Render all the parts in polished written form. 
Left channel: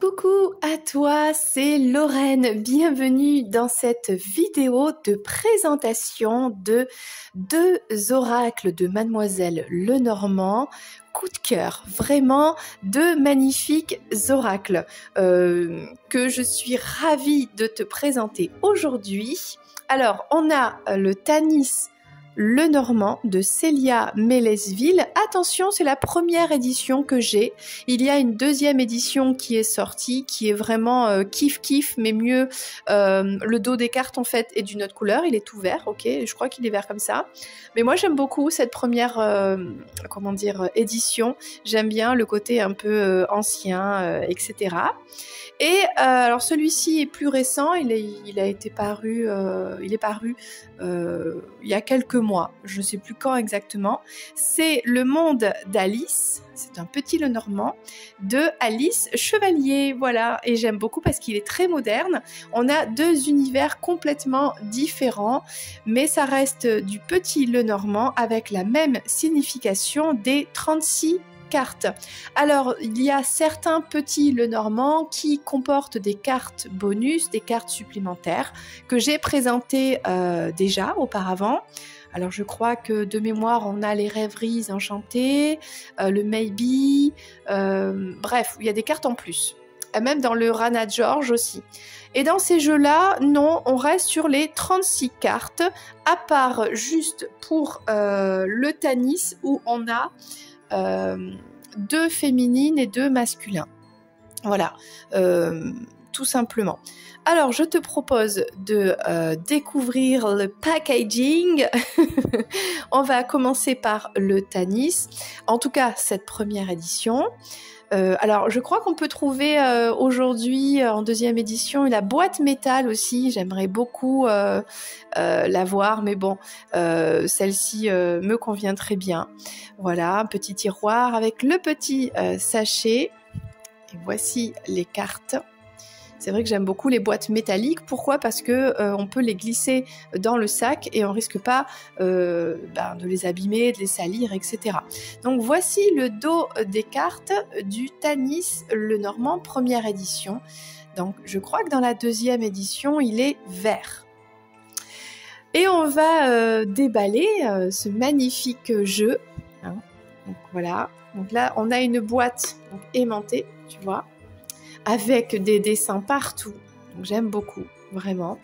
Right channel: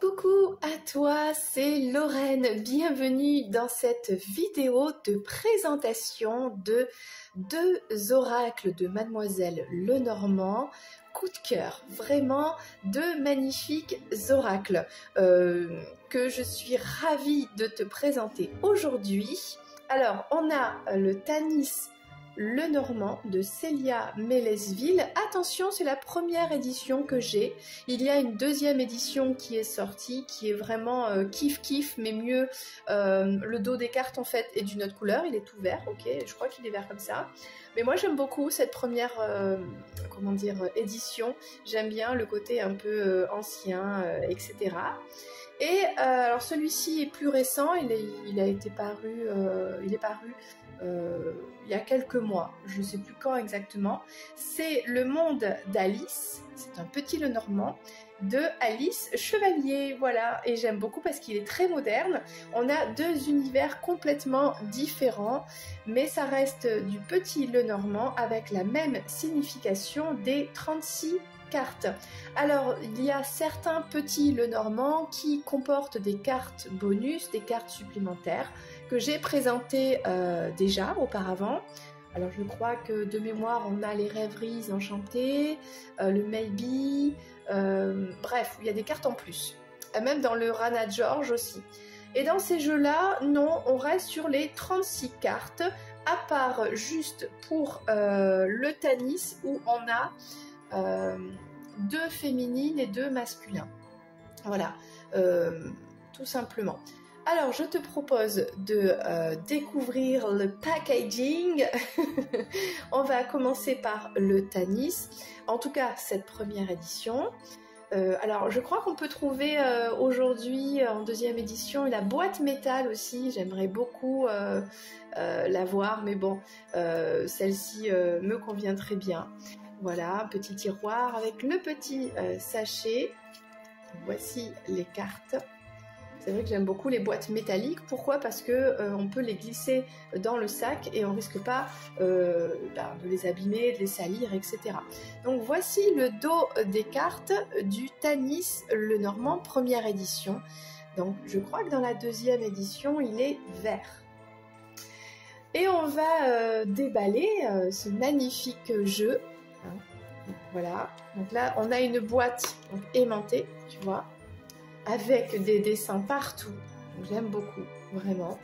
Coucou à toi, c'est Lorraine. Bienvenue dans cette vidéo de présentation de deux oracles de Mademoiselle Lenormand. Coup de cœur, vraiment deux magnifiques oracles que je suis ravie de te présenter aujourd'hui. Alors, on a le Tanis Lenormand de Célia Mélesville. Attention, c'est la première édition que j'ai. Il y a une deuxième édition qui est sortie, qui est vraiment kiff, mais mieux. Le dos des cartes, en fait, est d'une autre couleur. Il est tout vert, ok. Je crois qu'il est vert comme ça. Mais moi, j'aime beaucoup cette première, édition. J'aime bien le côté un peu ancien, etc. Et alors celui-ci est plus récent, il est paru il y a quelques mois, je ne sais plus quand exactement. C'est Le Monde d'Alice, c'est un petit Lenormand de Alice Chevalier, voilà. Et j'aime beaucoup parce qu'il est très moderne. On a deux univers complètement différents, mais ça reste du petit Lenormand avec la même signification des 36 cartes. Alors, il y a certains petits Lenormand qui comportent des cartes bonus, des cartes supplémentaires que j'ai présentées déjà auparavant. Alors, je crois que de mémoire, on a les Rêveries Enchantées, le Maybe, bref, il y a des cartes en plus. Même dans le Rana George aussi. Et dans ces jeux-là, non, on reste sur les 36 cartes, à part juste pour le Tanis où on a deux féminines et deux masculins. Voilà, tout simplement. Alors, je te propose de découvrir le packaging. On va commencer par le Tanis. En tout cas, cette première édition. Alors, je crois qu'on peut trouver aujourd'hui, en deuxième édition, la boîte métal aussi. J'aimerais beaucoup la voir, mais bon, celle-ci me convient très bien. Voilà, un petit tiroir avec le petit sachet. Et voici les cartes. C'est vrai que j'aime beaucoup les boîtes métalliques. Pourquoi? Parce que on peut les glisser dans le sac et on risque pas de les abîmer, de les salir, etc. Donc voici le dos des cartes du Tanis Lenormand première édition. Donc je crois que dans la deuxième édition, il est vert. Et on va déballer ce magnifique jeu. Hein. Donc voilà. Donc là, on a une boîte aimantée, tu vois, avec des dessins partout. Donc j'aime beaucoup, vraiment.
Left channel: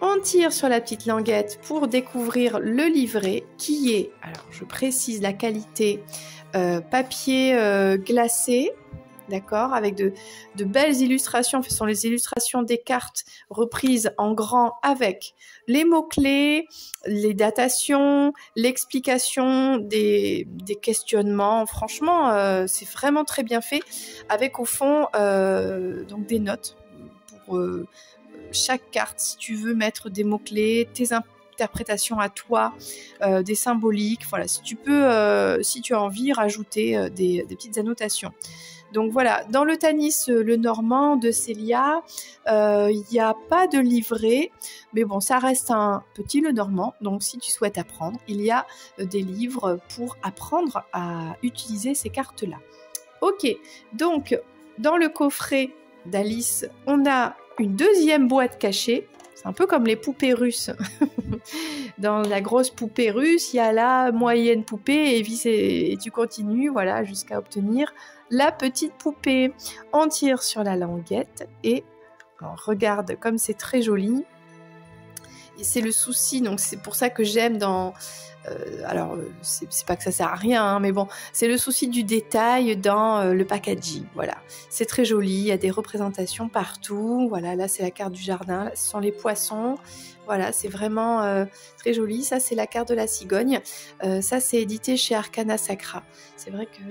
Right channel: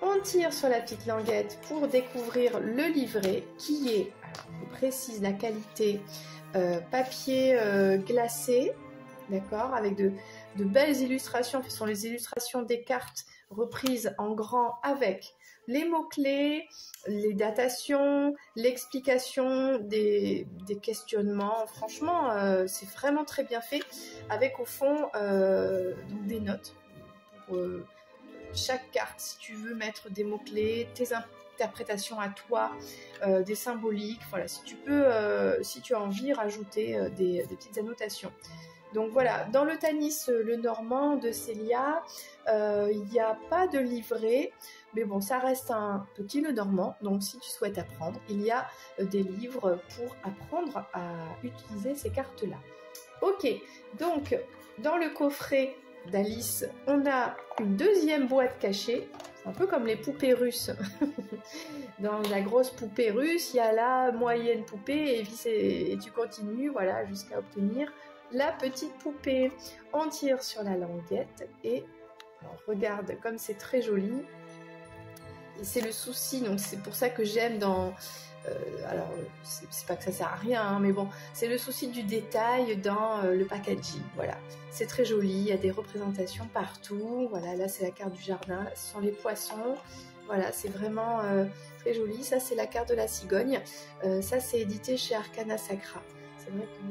On tire sur la petite languette pour découvrir le livret qui est, alors je précise la qualité, papier glacé, d'accord, avec de belles illustrations. Ce sont les illustrations des cartes reprises en grand avec les mots-clés, les datations, l'explication des questionnements. Franchement, c'est vraiment très bien fait, avec au fond donc des notes pour chaque carte. Si tu veux mettre des mots-clés, tes interprétations à toi, des symboliques, voilà, si tu peux, si tu as envie, rajouter des petites annotations. Donc voilà, dans le Tanis Lenormand de Célia, il n'y a pas de livret, mais bon, ça reste un petit Lenormand, donc si tu souhaites apprendre, il y a des livres pour apprendre à utiliser ces cartes-là. Ok, donc dans le coffret d'Alice, on a une deuxième boîte cachée. C'est un peu comme les poupées russes. Dans la grosse poupée russe, il y a la moyenne poupée et tu continues, voilà, jusqu'à obtenir la petite poupée. On tire sur la languette et on regarde comme c'est très joli. Et c'est le souci, donc c'est pour ça que j'aime dans... alors, c'est pas que ça sert à rien, hein, mais bon, c'est le souci du détail dans le packaging, voilà. C'est très joli, il y a des représentations partout, voilà, là c'est la carte du jardin, ce sont les poissons, voilà, c'est vraiment très joli. Ça c'est la carte de la cigogne, ça c'est édité chez Arcana Sacra. C'est vrai que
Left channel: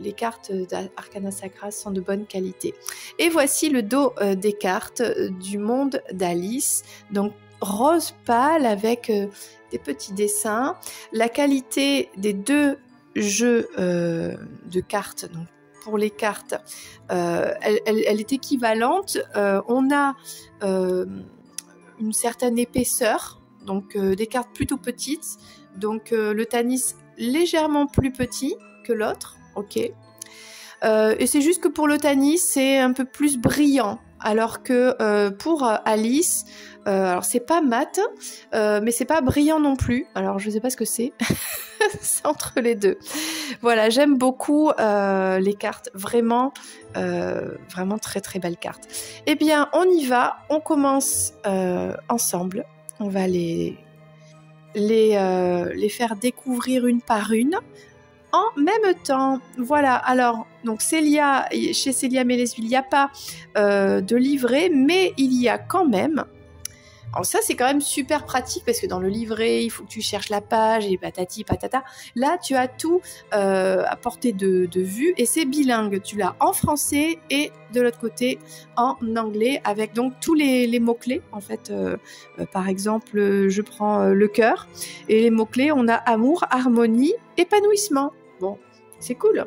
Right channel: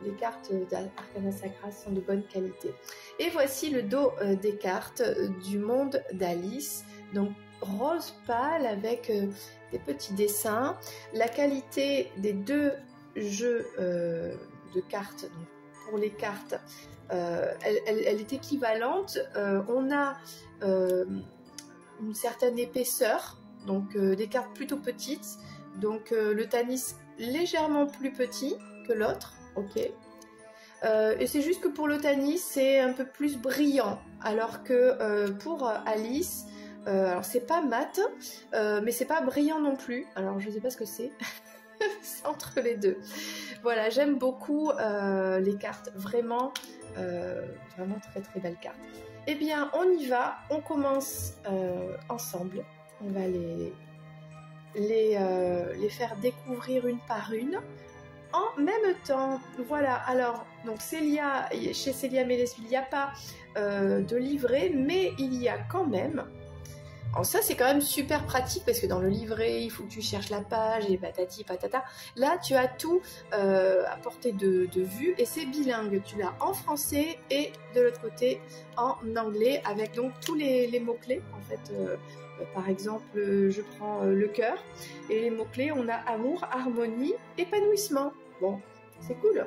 les cartes d'Arcana Sacra sont de bonne qualité. Et voici le dos des cartes du monde d'Alice, donc rose pâle avec des petits dessins. La qualité des deux jeux de cartes, donc pour les cartes, elle est équivalente. On a une certaine épaisseur, donc des cartes plutôt petites. Donc le Tanis légèrement plus petit que l'autre, ok. Et c'est juste que pour le Tanis, c'est un peu plus brillant. Alors que pour Alice, alors c'est pas mat, mais c'est pas brillant non plus. Alors je sais pas ce que c'est. C'est entre les deux. Voilà, j'aime beaucoup les cartes. Vraiment, vraiment très très belles cartes. Eh bien, on y va. On commence ensemble. On va les faire découvrir une par une en même temps. Voilà, alors, donc Célia, chez Célia Mélesville, il n'y a pas de livret, mais il y a quand même. Alors ça, c'est quand même super pratique parce que dans le livret, il faut que tu cherches la page et patati patata. Là, tu as tout à portée de vue et c'est bilingue. Tu l'as en français et de l'autre côté en anglais avec donc tous les mots-clés. En fait, par exemple, je prends le cœur et les mots-clés, on a amour, harmonie, épanouissement. Bon, c'est cool.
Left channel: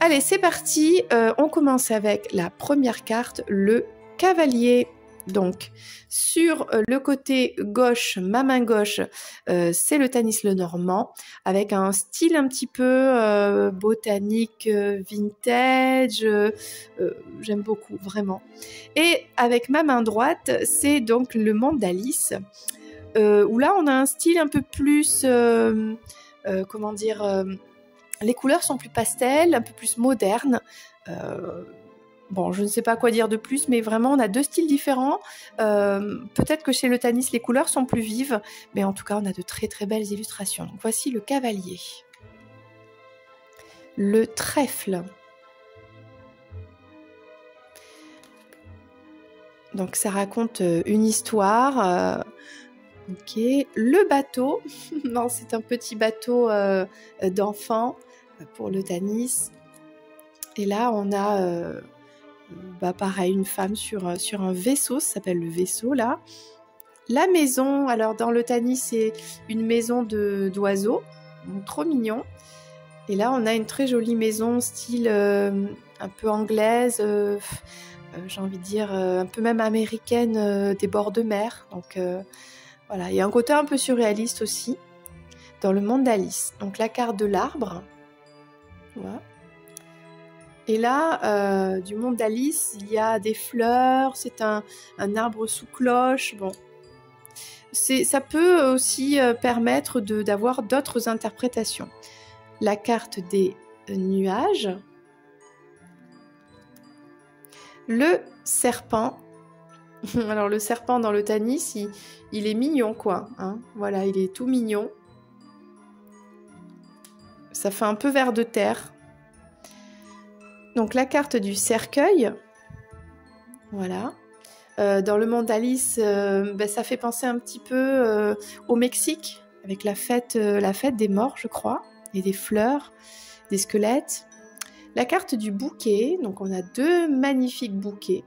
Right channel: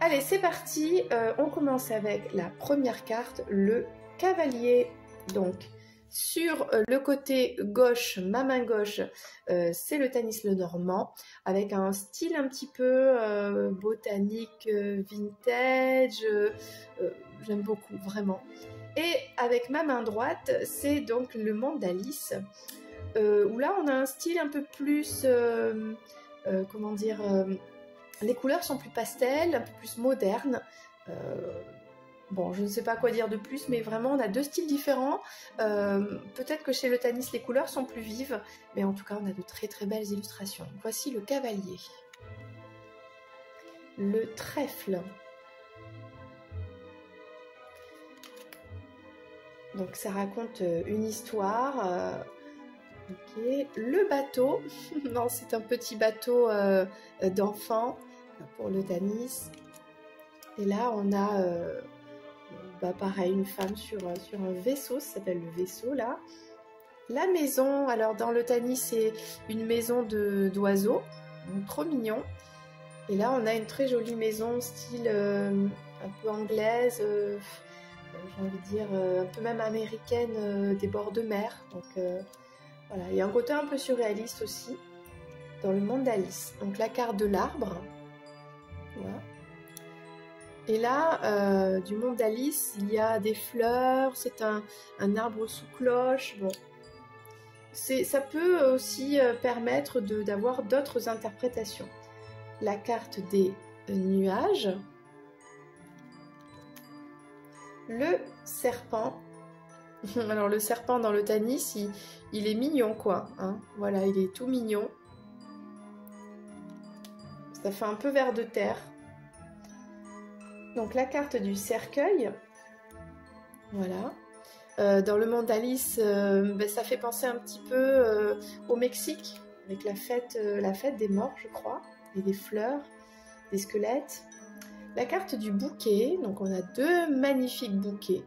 Allez, c'est parti. On commence avec la première carte, le cavalier. Donc, sur le côté gauche, ma main gauche, c'est le Tanis Lenormand, avec un style un petit peu botanique, vintage, j'aime beaucoup, vraiment. Et avec ma main droite, c'est donc le monde d'Alice, où là, on a un style un peu plus, comment dire, les couleurs sont plus pastel, un peu plus modernes. Bon, je ne sais pas quoi dire de plus, mais vraiment, on a deux styles différents. Peut-être que chez le Tanis, les couleurs sont plus vives, mais en tout cas, on a de très très belles illustrations. Donc, voici le cavalier. Le trèfle. Donc, ça raconte une histoire. Ok. Le bateau. Non, c'est un petit bateau d'enfant pour le Tanis. Et là, on a... pareil, une femme sur un vaisseau, ça s'appelle le vaisseau là. La maison, alors dans le Tanis, c'est une maison d'oiseaux, trop mignon. Et là, on a une très jolie maison, style un peu anglaise, j'ai envie de dire un peu même américaine, des bords de mer. Donc voilà, il y a un côté un peu surréaliste aussi dans le monde d'Alice. Donc la carte de l'arbre, voilà. Et là, du monde d'Alice, il y a des fleurs, c'est un arbre sous cloche. Bon, ça peut aussi permettre d'avoir d'autres interprétations. La carte des nuages. Le serpent. Alors le serpent dans le Tanis, il est mignon quoi. Hein, voilà, il est tout mignon. Ça fait un peu ver de terre. Donc la carte du cercueil, voilà. Dans le monde d'Alice, ça fait penser un petit peu au Mexique, avec la fête des morts, je crois, et des fleurs, des squelettes. La carte du bouquet, donc on a deux magnifiques bouquets.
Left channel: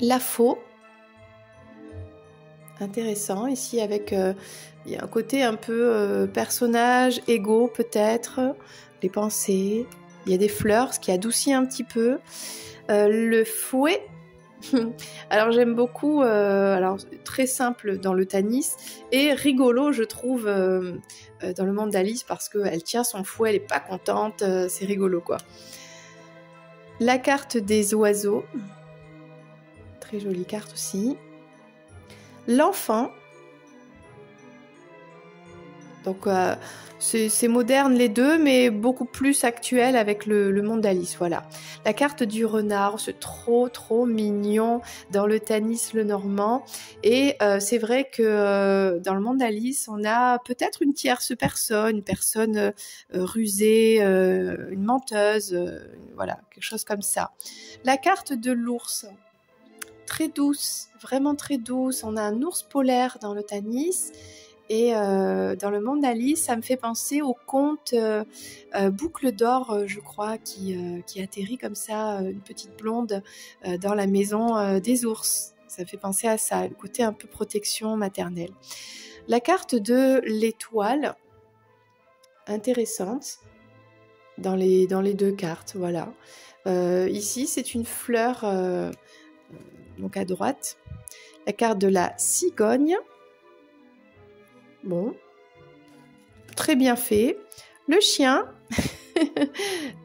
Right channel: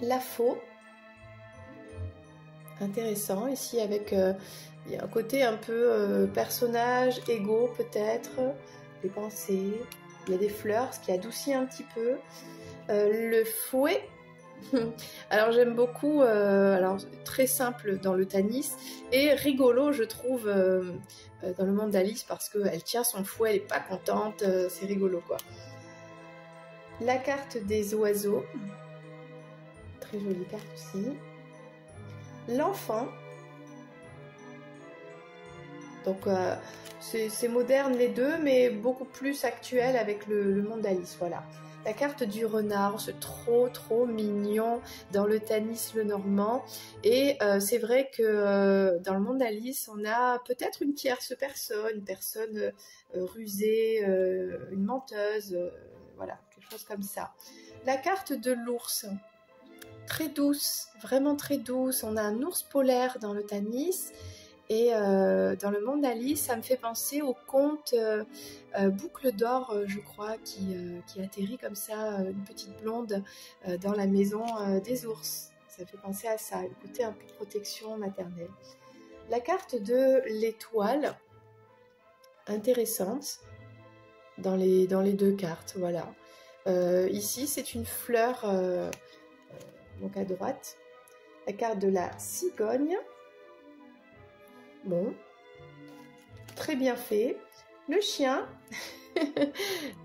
La faux, intéressant, ici avec, il y a un côté un peu personnage, égo peut-être, les pensées, il y a des fleurs, ce qui adoucit un petit peu. Le fouet, alors j'aime beaucoup, alors très simple dans le Tanis et rigolo je trouve dans le monde d'Alice parce qu'elle tient son fouet, elle n'est pas contente, c'est rigolo quoi. La carte des oiseaux, très jolie carte aussi. L'enfant, donc c'est moderne les deux, mais beaucoup plus actuel avec le monde d'Alice, voilà. La carte du renard, c'est trop mignon dans le Tanis Lenormand. Et c'est vrai que dans le monde d'Alice, on a peut-être une tierce personne, une personne rusée, une menteuse, voilà, quelque chose comme ça. La carte de l'ours, très douce, vraiment très douce. On a un ours polaire dans le Tanis. Et dans le monde d'Alice, ça me fait penser au conte Boucle d'or, je crois, qui atterrit comme ça, une petite blonde, dans la maison des ours. Ça me fait penser à ça, le côté un peu protection maternelle. La carte de l'étoile, intéressante, dans les deux cartes, voilà. Ici, c'est une fleur, donc à droite. La carte de la cigogne. Bon, très bien fait. Le chien,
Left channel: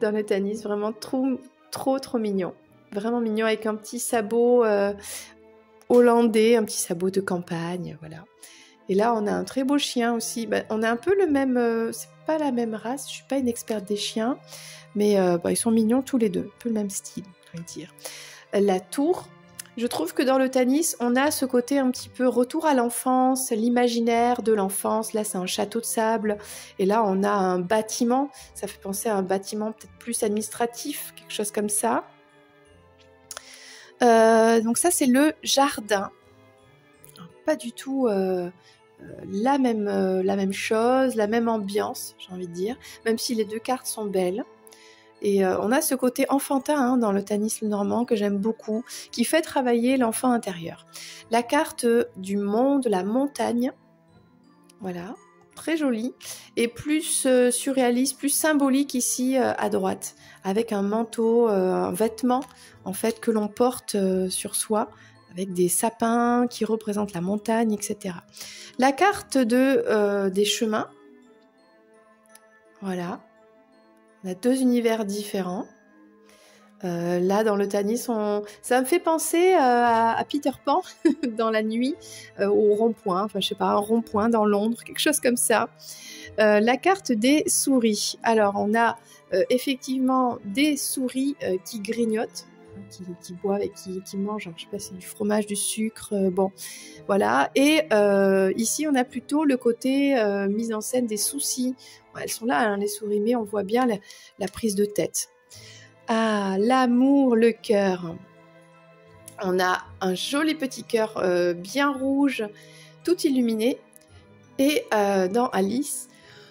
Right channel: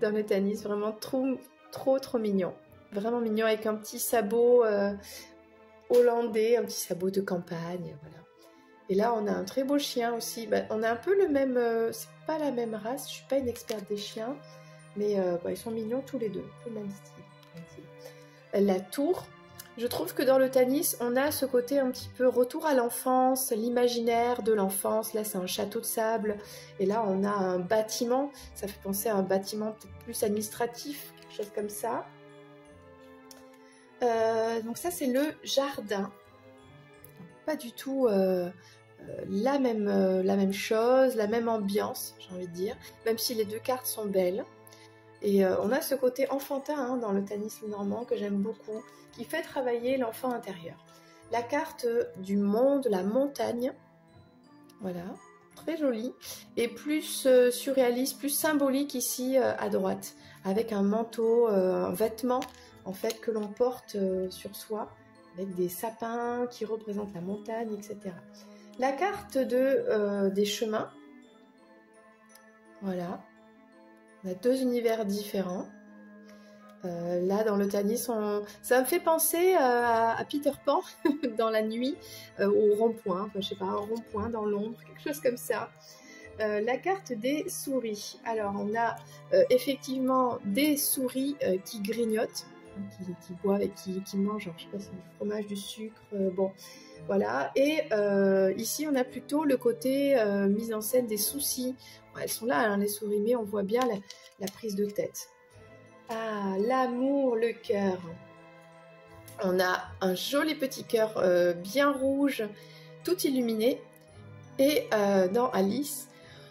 dans le Tanis, vraiment trop mignon. Vraiment mignon avec un petit sabot hollandais, un petit sabot de campagne, voilà. Et là, on a un très beau chien aussi. Ben, on a un peu le même, c'est pas la même race, je suis pas une experte des chiens, mais ils sont mignons tous les deux, un peu le même style, on va dire. La tour, je trouve que dans le Tanis, on a ce côté un petit peu retour à l'enfance, l'imaginaire de l'enfance. Là, c'est un château de sable. Et là, on a un bâtiment. Ça fait penser à un bâtiment peut-être plus administratif, quelque chose comme ça. Donc ça, c'est le jardin. Pas du tout la même chose, la même ambiance, j'ai envie de dire. Même si les deux cartes sont belles. Et on a ce côté enfantin dans le Tanis Lenormand que j'aime beaucoup, qui fait travailler l'enfant intérieur. La carte du monde, la montagne, voilà, très jolie, et plus surréaliste, plus symbolique ici à droite, avec un manteau, un vêtement en fait que l'on porte sur soi, avec des sapins qui représentent la montagne, etc. La carte des chemins, voilà. On a deux univers différents. Là, dans le Tanis, ça me fait penser à Peter Pan dans la nuit, au rond-point, enfin je sais pas, un rond-point dans Londres, quelque chose comme ça. La carte des souris. Alors, on a effectivement des souris qui grignotent, qui boivent et qui mangent, je sais pas si c'est du fromage, du sucre, bon, voilà. Et ici, on a plutôt le côté mise en scène des soucis. Elles sont là, les souris, mais on voit bien la prise de tête. Ah, l'amour, le cœur. On a un joli petit cœur bien rouge, tout illuminé. Et dans Alice,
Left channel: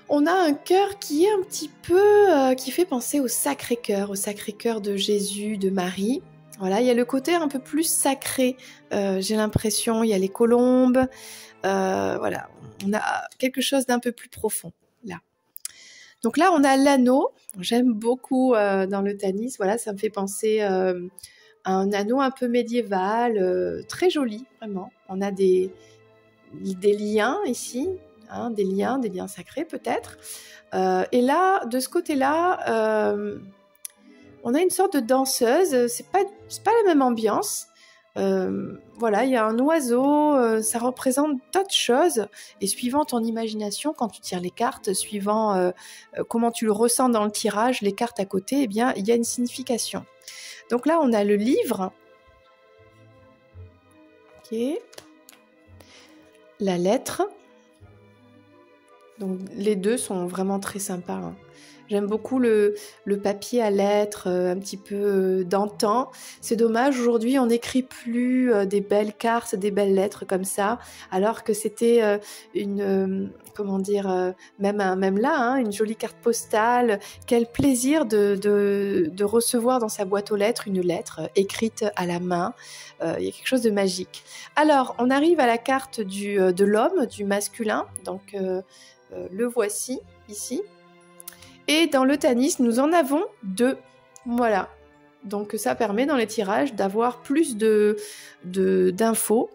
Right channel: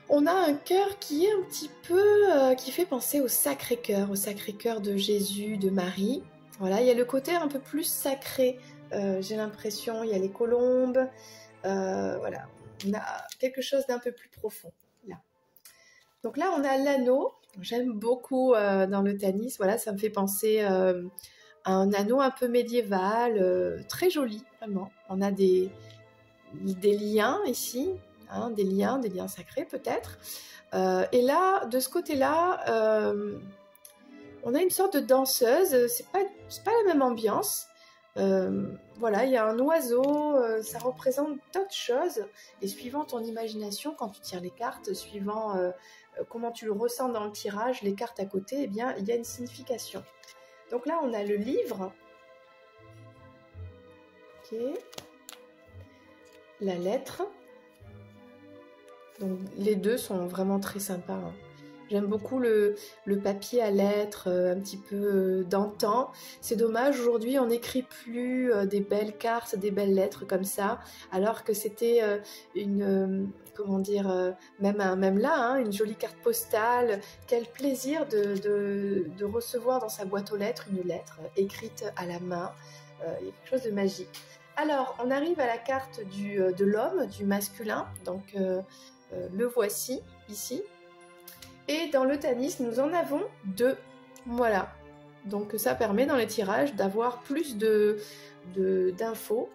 on a un cœur qui est un petit peu, qui fait penser au Sacré-Cœur de Jésus, de Marie. Voilà, il y a le côté un peu plus sacré, j'ai l'impression. Il y a les colombes, voilà, on a quelque chose d'un peu plus profond là. Donc là, on a l'anneau. J'aime beaucoup dans le Tanis. Voilà, ça me fait penser à un anneau un peu médiéval, très joli, vraiment. On a des liens ici, des liens sacrés peut-être. Et là, de ce côté-là, on a une sorte de danseuse. C'est pas la même ambiance. Voilà, il y a un oiseau, ça représente d'autres choses, et suivant ton imagination, quand tu tires les cartes, suivant comment tu le ressens dans le tirage, les cartes à côté, eh bien, il y a une signification. Donc là, on a le livre, ok, la lettre, donc les deux sont vraiment très sympas, J'aime beaucoup le papier à lettres, un petit peu d'antan. C'est dommage, aujourd'hui, on n'écrit plus des belles cartes, des belles lettres comme ça, alors que c'était comment dire, même là, une jolie carte postale. Quel plaisir de recevoir dans sa boîte aux lettres une lettre écrite à la main. Il y a quelque chose de magique. Alors, on arrive à la carte de l'homme, du masculin. Donc, le voici, ici. Et dans le Tanis, nous en avons deux. Voilà. Donc ça permet dans les tirages d'avoir plus d'infos.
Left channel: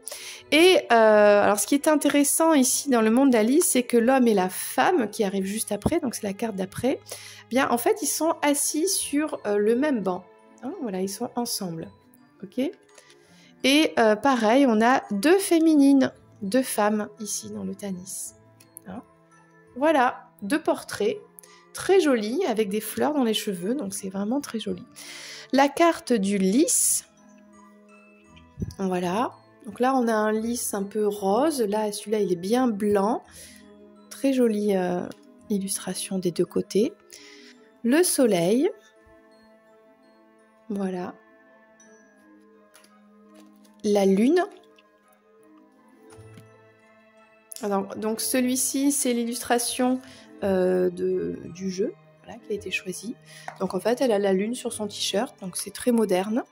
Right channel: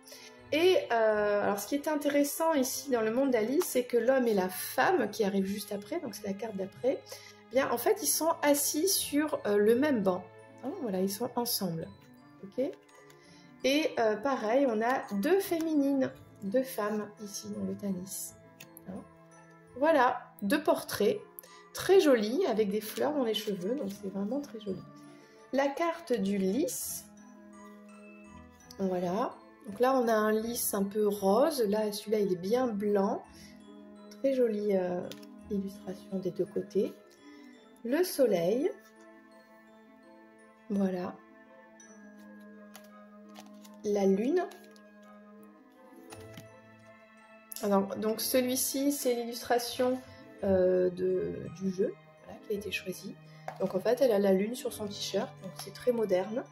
Et alors ce qui est intéressant ici dans le monde d'Alice, c'est que l'homme et la femme qui arrivent juste après, donc c'est la carte d'après, bien en fait ils sont assis sur le même banc. Voilà, ils sont ensemble. Ok. Et pareil, on a deux féminines, deux femmes ici dans le Tanis. Voilà, deux portraits. Très jolie, avec des fleurs dans les cheveux, donc c'est vraiment très joli. La carte du lys, voilà. Donc là, on a un lys un peu rose. Là, celui-là, il est bien blanc. Très jolie illustration des deux côtés. Le soleil, voilà. La lune. Alors, donc celui-ci, c'est l'illustration du jeu, voilà, qui a été choisi. Donc en fait, elle a la lune sur son t-shirt, donc c'est très moderne.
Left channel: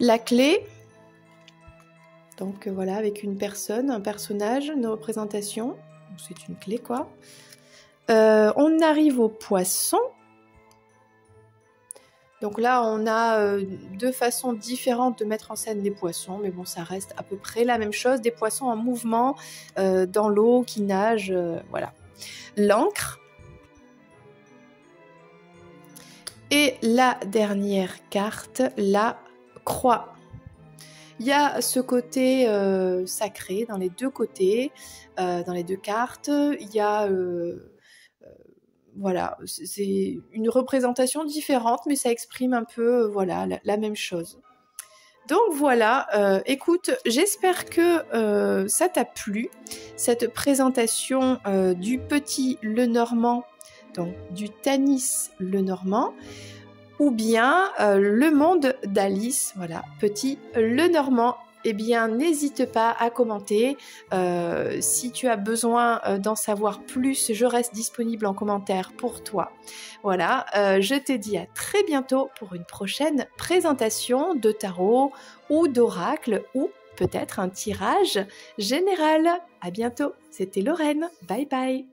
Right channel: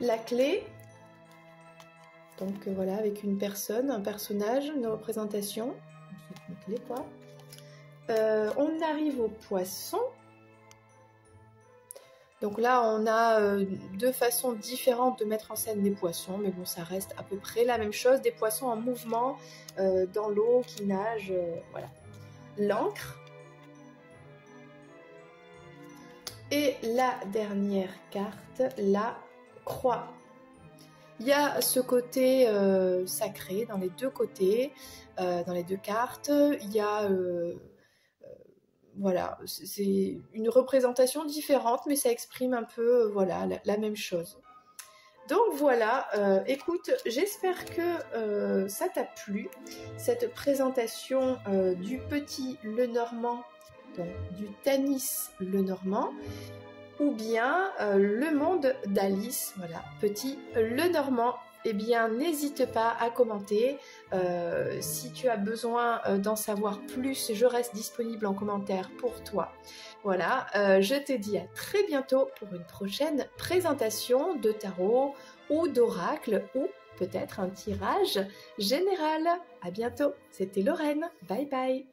La clé, donc voilà, avec une personne, un personnage, une représentation. C'est une clé, quoi. On arrive au poisson. Donc là, on a deux façons différentes de mettre en scène les poissons, mais bon, ça reste à peu près la même chose. Des poissons en mouvement dans l'eau qui nagent, voilà. L'encre. Et la dernière carte, la croix. Il y a ce côté sacré dans les deux côtés, dans les deux cartes. Il y a, voilà, c'est une représentation différente, mais ça exprime un peu, voilà, la même chose. Donc voilà, écoute, j'espère que ça t'a plu, cette présentation du petit Lenormand, donc du Tanis Lenormand, ou bien le monde d'Alice, voilà, petit Lenormand. Eh bien, n'hésite pas à commenter. Si tu as besoin d'en savoir plus, je reste disponible en commentaire pour toi. Voilà, je te dis à très bientôt pour une prochaine présentation de tarot ou d'oracle ou peut-être un tirage général. À bientôt, c'était Lorraine. Bye bye.